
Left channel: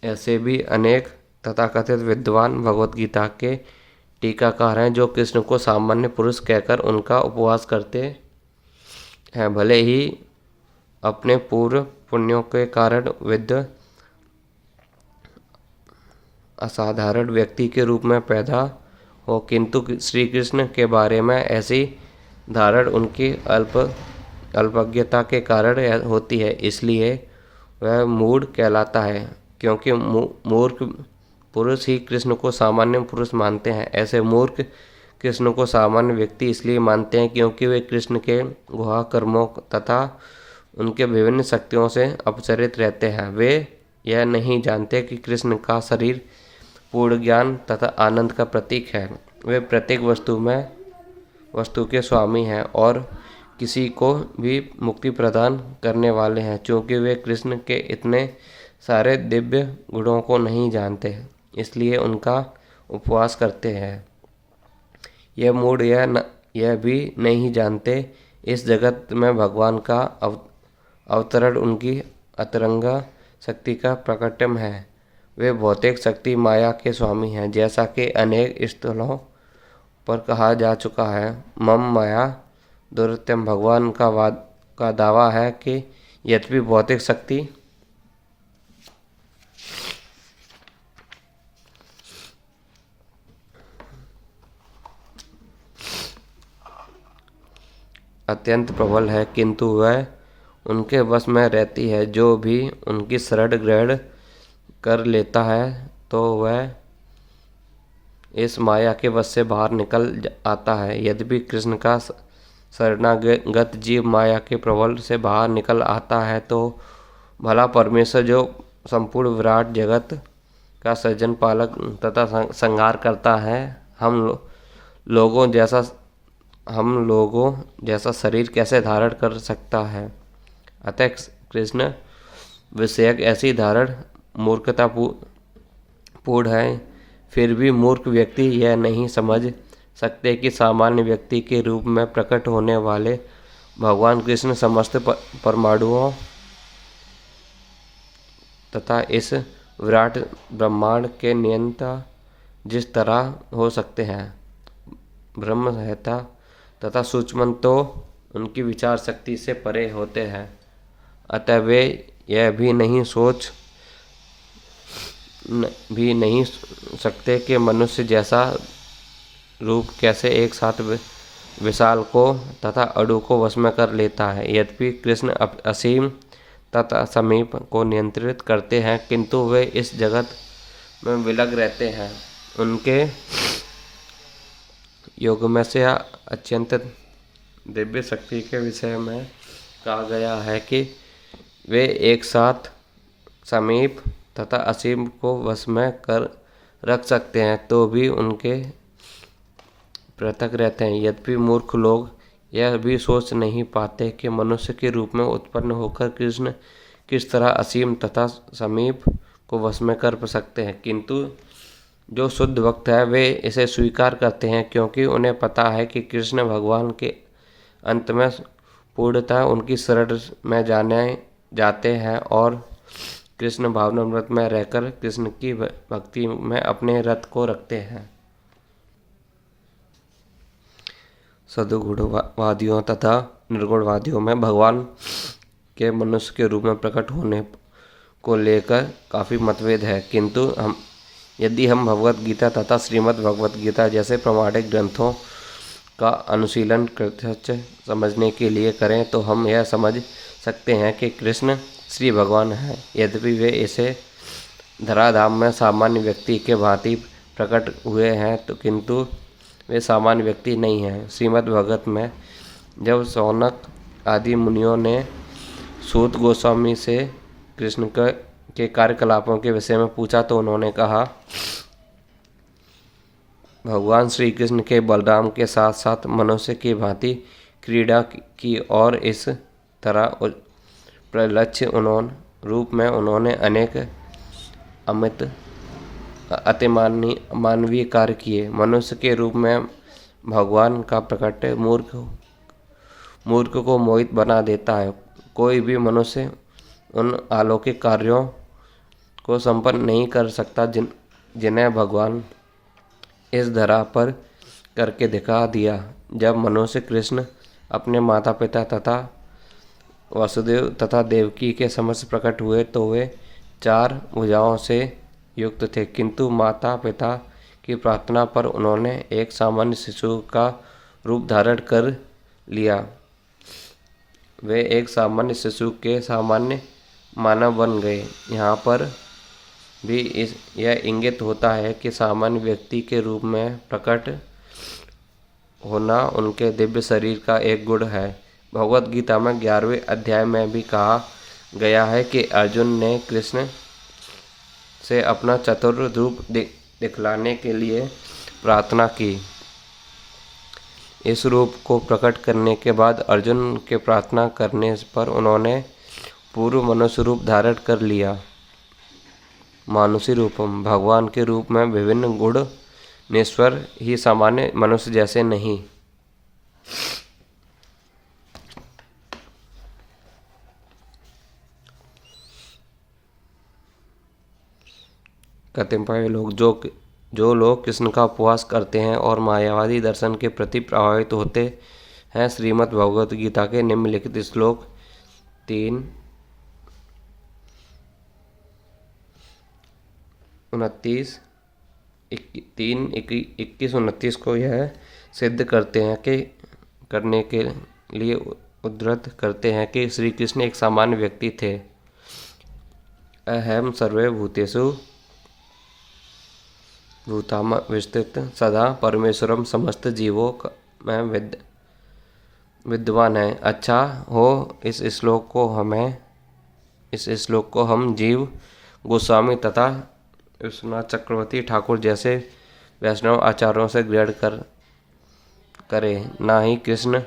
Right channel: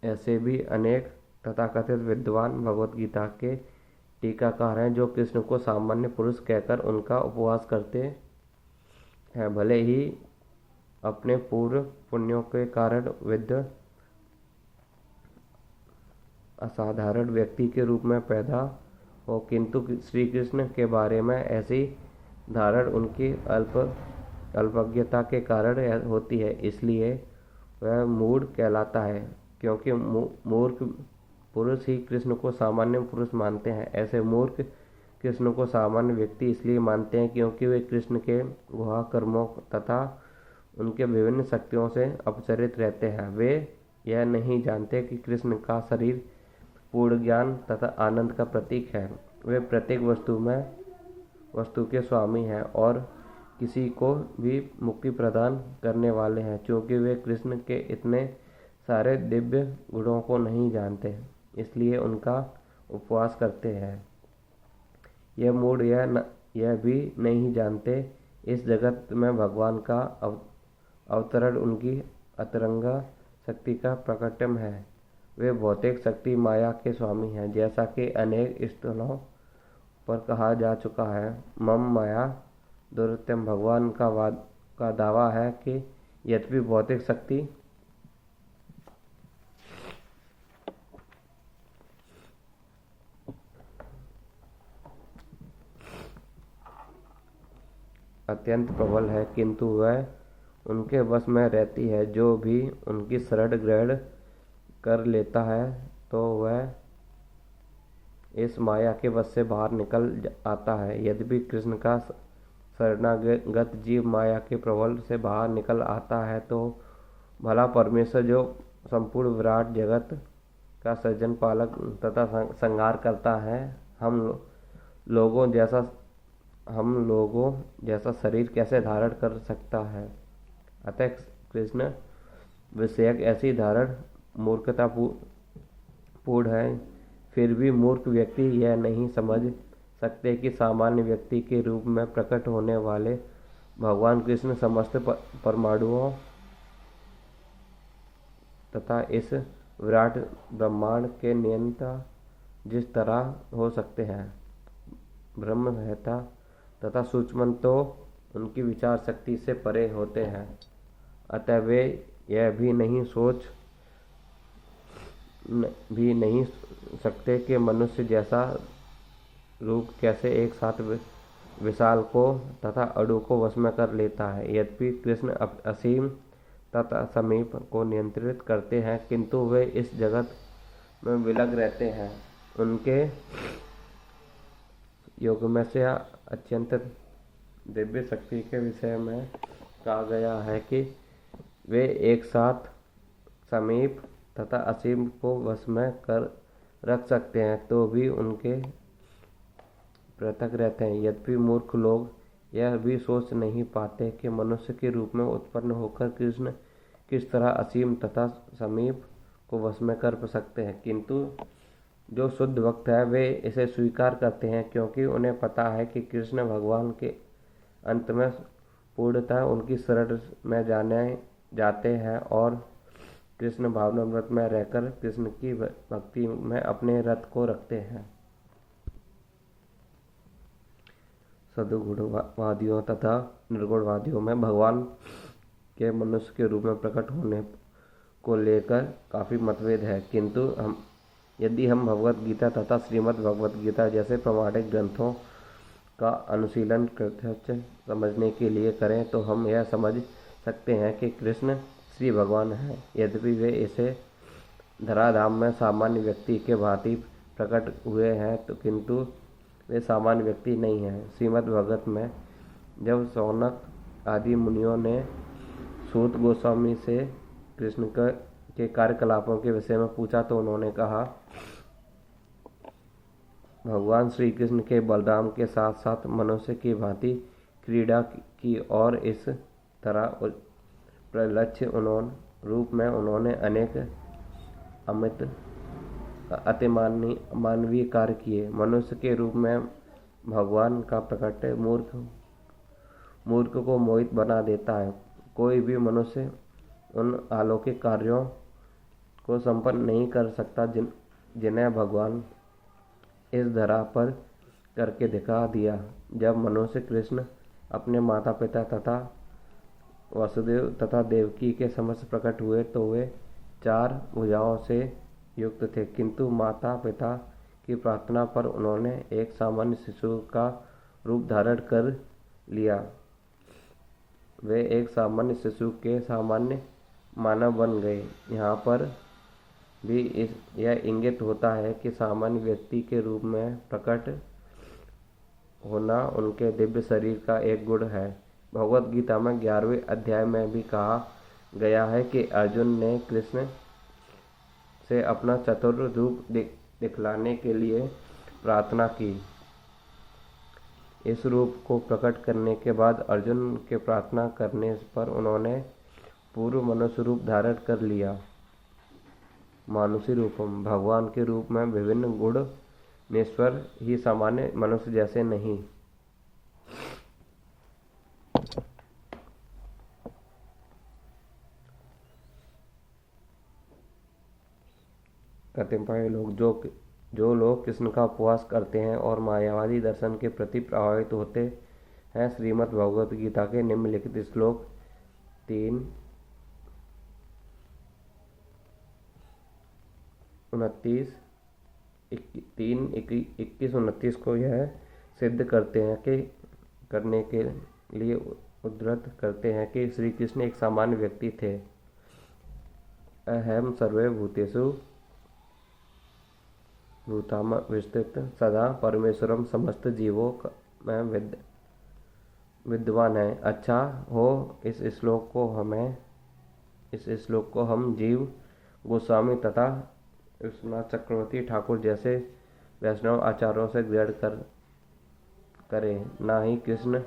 ऐसे भी अनेक तथाकथित विद्वान भगवत गीता के टीकाकार हैं जो कृष्ण को सामान्य पुरुष कहकर उनका उपवास करते हैं। भले ही अपने पूर्व पुण्यों के कारण विद्ध असाधारण व्यक्ति के रूप में पैदा हो, किंतु श्री कृष्ण के बारे में ऐसी धारण उनकी अल्पज्ञता के कारण होती है, इसलिए वह मूढ़ कहलाता है। क्योंकि मूर्ख पुरुष ही कृष्ण को सामान्य पुरुष मानते हैं। ऐसे मूर्ख कृष्ण को सामान्य व्यक्ति इसलिए मानते हैं क्योंकि वे कृष्ण के गुहा कर्मों तथा उनके विभिन्न शक्तियों से अपचरित रहते हैं। वे यह नहीं जानते कि कृष्ण का शरीर पूर्ण ज्ञान तथा आनंद का प्रतीक है। वे प्रत्येक वस्तु के स्वामी हैं और किसी को भी मुक्ति प्रदान करने वाले हैं। चूँकि वे कृष्ण के इतने सारे दिव्य गुणों को नहीं जानते, इसलिए उनका उपवास करते हैं। यह मूढ़ यह भी नहीं जानते इस जगत में भगवान का अवतरण उनकी अतरंगा शक्ति का प्रकटम है। वे भौतिक शक्ति माया के स्वामी हैं। जैसा कि अनेक स्थलों पर कहा जा चुका है, मम माया दुर्त्यम। भगवान का दावा है कि यद्यपि भौतिक शक्ति अत्यंत प्रबल है, किंतु वह उनके वश में रहती है। जो भी उनकी शरण ग्रहण कर लेता है तो वह इस माया के वश से बाहर निकल आता है। यद्यपि कृष्ण का शरणागत जीव माया के प्रबल से बाहर निकल आता है तो भला परमेश्वर जो संपूर्ण विराट जगत का सृजन पालक तथा संहार करता है, हम लोगों जैसा शरीर कैसे धारण कर सकता है। अतः कृष्ण विषयक ऐसी धारण मूर्खता पूर्ण है। फिर भी मूर्ख व्यक्ति यह नहीं समझ सकते कि सामान्य व्यक्ति के रूप में प्रकट होने वाले भगवान कृष्ण समस्त परमाणुओं तथा इस विराट ब्रह्मांड के नियंता जिस तरह हो सकते हैं। ब्रह्म संहिता तथा सूक्ष्म तो उनकी विचार शक्ति से परे होते हैं। अतः वे यह भी नहीं सकते कि मनुष्य जैसा रूप कैसे एक साथ विशाल को तथा अणु को वश में कर लेता है। यद्यपि कृष्ण असीम तथा समीप को नियंत्रित करते हैं, किंतु वे इस जगत में विलग रहते हैं। उनके योग में से अत्यंत दिव्य शक्ति के विषय में कहा गया है कि वे एक साथ समीप तथा असीम को वश में कर रख सकते हैं, तो भी उनके पृथक रहते हैं। यद्यपि मूर्ख लोग यह भी सोच नहीं पाते कि मनुष्य के रूप में उत्पन्न होकर कृष्ण किस तरह असीम तथा समीप को वश में कर सकते हैं, किंतु जो शुद्ध भक्त है वे इसे स्वीकार करते हैं, क्योंकि उन्हें पता है कि कृष्ण भगवान के अंत में पूर्णतः उनकी शरण में जाते हैं और कृष्ण भावनामृत में रहकर कृष्ण की भक्ति में अपने रथ को रखते हैं। सद्गुणवादियों तथा निर्गुणवादियों में भगवान के मनुष्य के रूप में प्रकट होने को लेकर काफ़ी मतभेद है, किंतु यदि हम भगवत गीता तथा श्रीमद् भगवत गीता जैसे प्रमाणिक ग्रंथों का अनुशीलन प्रत्यक्ष समझने के लिए करें तो हम यह समझ सकते हैं कि कृष्ण श्री भगवान हैं। यद्यपि वे इसे धराधाम में सामान्य व्यक्ति के भांति प्रकट हुए हैं, तो किंतु वे सामान्य व्यक्ति नहीं हैं। श्रीमद् भगवत में जब शौनक आदि मुनियों ने सूत गोस्वामी से कृष्ण के कार्यकलापों के विषय में पूछा तो उन्होंने कहा, भगवान श्री कृष्ण के बलराम के साथ साथ मनुष्य की भांति क्रीड़ा की और इस तरह प्रलक्ष्य रूप में उन्होंने अनेक अमित अति मानवीय कार्य किए। मनुष्य के रूप में भगवान का प्रकट मूर्ख को मोहित बना देता है। कोई भी मनुष्य उन अलौकिक कार्यों को संपन्न नहीं कर सकता जिन्हें भगवान इस धरा पर करके दिखा दिया। जब मनुष्य कृष्ण अपने माता पिता तथा वसुदेव तथा देवकी के समक्ष प्रकट हुए तो वे 4 भुजाओं से युक्त थे, किंतु माता पिता की प्रार्थना पर उन्होंने एक सामान्य शिशु का रूप धारण कर लिया। वे एक सामान्य शिशु के सामान्य मानव बन गए। यहाँ पर भी यह इंगित होता है कि सामान्य व्यक्ति के रूप में प्रकट होना उनके दिव्य शरीर का एक गुण है। भगवद गीता में 11वें अध्याय में भी कहा गया है कि अर्जुन ने कृष्ण से अपना चतुर रूप दिखलाने के लिए प्रार्थना की। इस रूप को प्रकट करने के बाद अर्जुन के प्रार्थना करने पर उन्होंने पूर्व मनुष्य रूप धारण कर लिया। मानुषी रूपम, भगवान के रूप में विभिन्न गुण निश्वर ही सामान्य मनुष्य जैसे नहीं। कतिपय लोग जो लोग कृष्ण का उपवास करते हैं और मायावादी दर्शन के प्रति प्रभावित होते हैं, श्रीमद् भगवद गीता के निम्नलिखित श्लोक 21-29 को यह सिद्ध करने के लिए उद्धृत करते हैं कि श्री कृष्ण एक सामान्य व्यक्ति थे। अहम सर्वे भूतेषु भूताम विस्तृत सदा परमेश्वरम समस्त जीवों में विद्वान है। अच्छा हो इस श्लोक को हम जीव गोस्वामी तथा विश्वनाथ चक्रवर्ती ठाकुर जैसे वैष्णव आचार्यों से ग्रहण करें, ना ही कृष्ण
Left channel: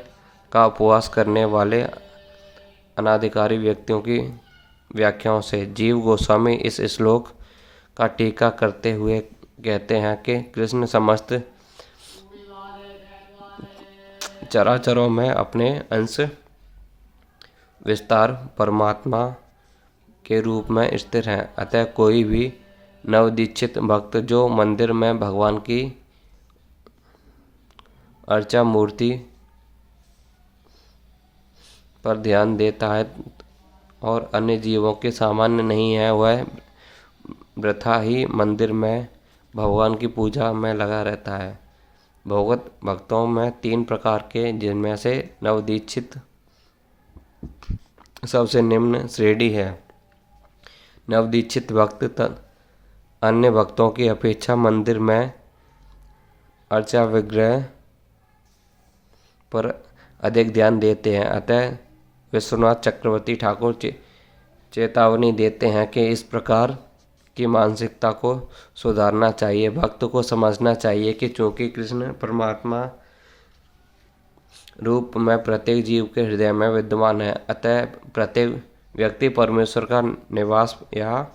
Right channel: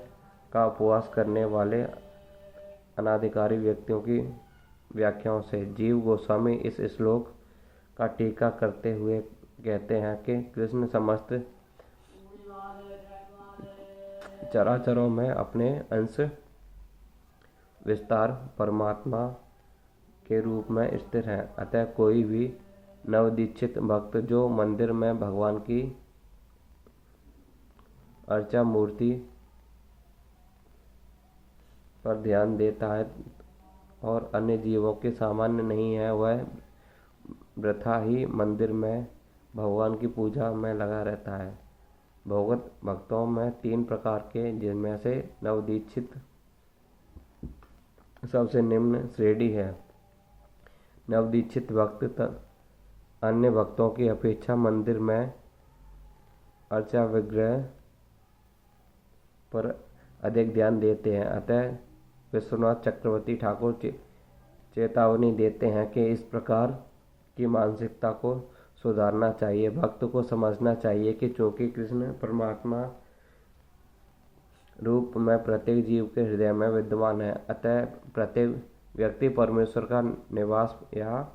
का उपवास करने वाले अनाधिकारी व्यक्तियों की व्याख्याओं से। जीव गोस्वामी इस श्लोक का टीका करते हुए कहते हैं कि कृष्ण समस्त चराचरों में अपने अंश विस्तार परमात्मा के रूप में स्थिर हैं। अतः कोई भी नवदीक्षित भक्त जो मंदिर में भगवान की अर्चा मूर्ति पर ध्यान देता है और अन्य जीवों के सामान्य नहीं है, वह वृथा ही मंदिर में भगवान की पूजा में लगा रहता है। भगवत भक्तों में 3 प्रकार के, जिनमें से नवदीक्षित सबसे निम्न श्रेणी है। नवदीक्षित भक्त अन्य भक्तों की अपेक्षा मंदिर में अर्चा विग्रह पर अधिक ध्यान देते हैं। अतः विश्वनाथ चक्रवर्ती ठाकुर चेतावनी देते हैं कि इस प्रकार की मानसिकता को सुधारना चाहिए। भक्त को समझना चाहिए कि चूंकि कृष्ण परमात्मा रूप में प्रत्येक जीव के हृदय में विद्यमान है, अतः प्रत्येक व्यक्ति परमेश्वर का निवास या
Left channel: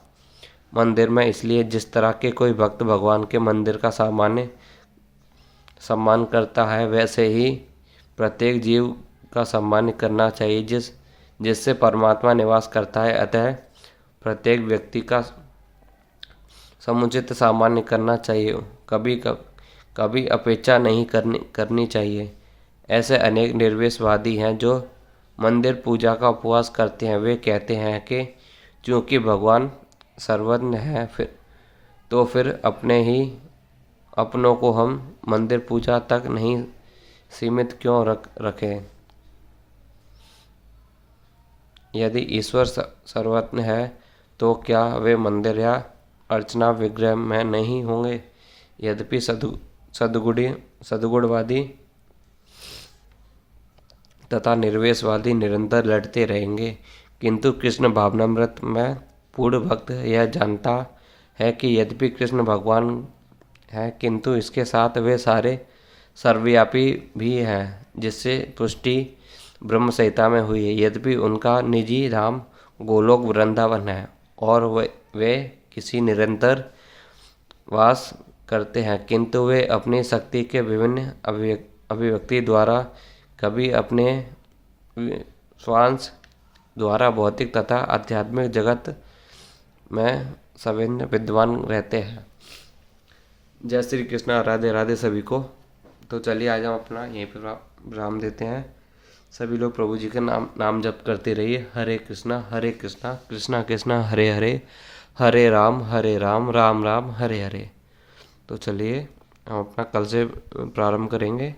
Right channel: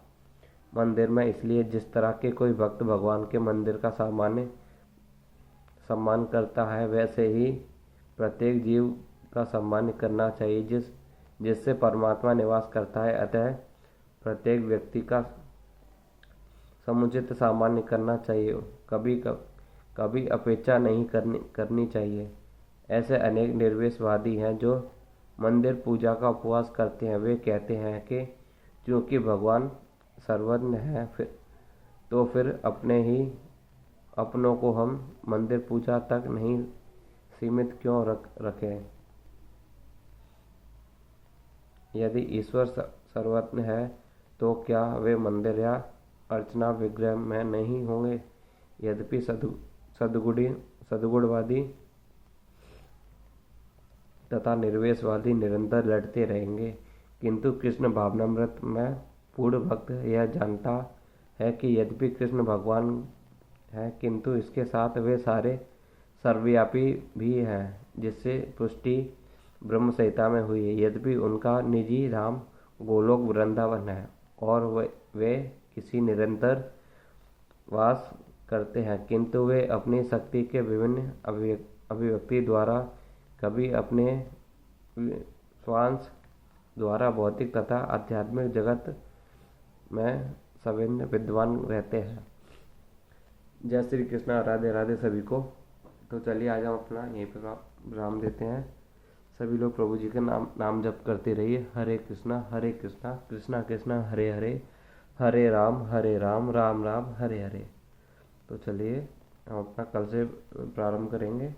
मंदिर में। इसलिए जिस तरह के कोई भक्त भगवान के मंदिर का सम्मान करता है, वैसे ही प्रत्येक जीव का सम्मान करना चाहिए जिससे परमात्मा निवास करता है। अतः प्रत्येक व्यक्ति का समुचित सामान्य करना चाहिए, कभी अपेक्षा नहीं करनी चाहिए। ऐसे अनेक निर्वेशवादी हैं जो मंदिर पूजा का उपवास करते हैं। वे कहते हैं कि चूंकि भगवान सर्वज्ञ है, फिर अपनों को हम मंदिर पूजा तक नहीं सीमित क्यों रखें। यदि ईश्वर सर्वज्ञ है तो क्या वे मंदिर या अर्चना विग्रह में नहीं होंगे। यद्यपि सद्गुणवादी तथा निर्वेशवादी निरंतर लड़ते रहेंगे, किंतु कृष्ण भावनामृत में पूर्ण भक्त यह जानता है कि यद्यपि कृष्ण भगवान है, किंतु इसके साथ वे सर्वव्यापी भी हैं, जिससे पुष्टि ब्रह्म संहिता में हुई है। यद्यपि उनका निजी धाम गोलोक वृंदावन है और वे किसी निरंतर वास करते हैं, किंतु वे अपनी शक्ति के विभिन्न अभिव्यक्ति द्वारा कभी अपने स्वांश द्वारा भौतिक तथा आध्यात्मिक जगत में सविन्न विद्वान रहते हैं। जय श्री कृष्णा, राधे राधे सभी को। तो चलिए आज हम अपना यहीं पर विराम देते हैं। सभी लोग प्रभु जी का नाम जप करते रहिए। हरे कृष्णा कृष्णा कृष्णा हरे हरे, हरे राम राम राम हरे हरे। तो चलिए हम अपना कल से प्रारंभ करेंगे।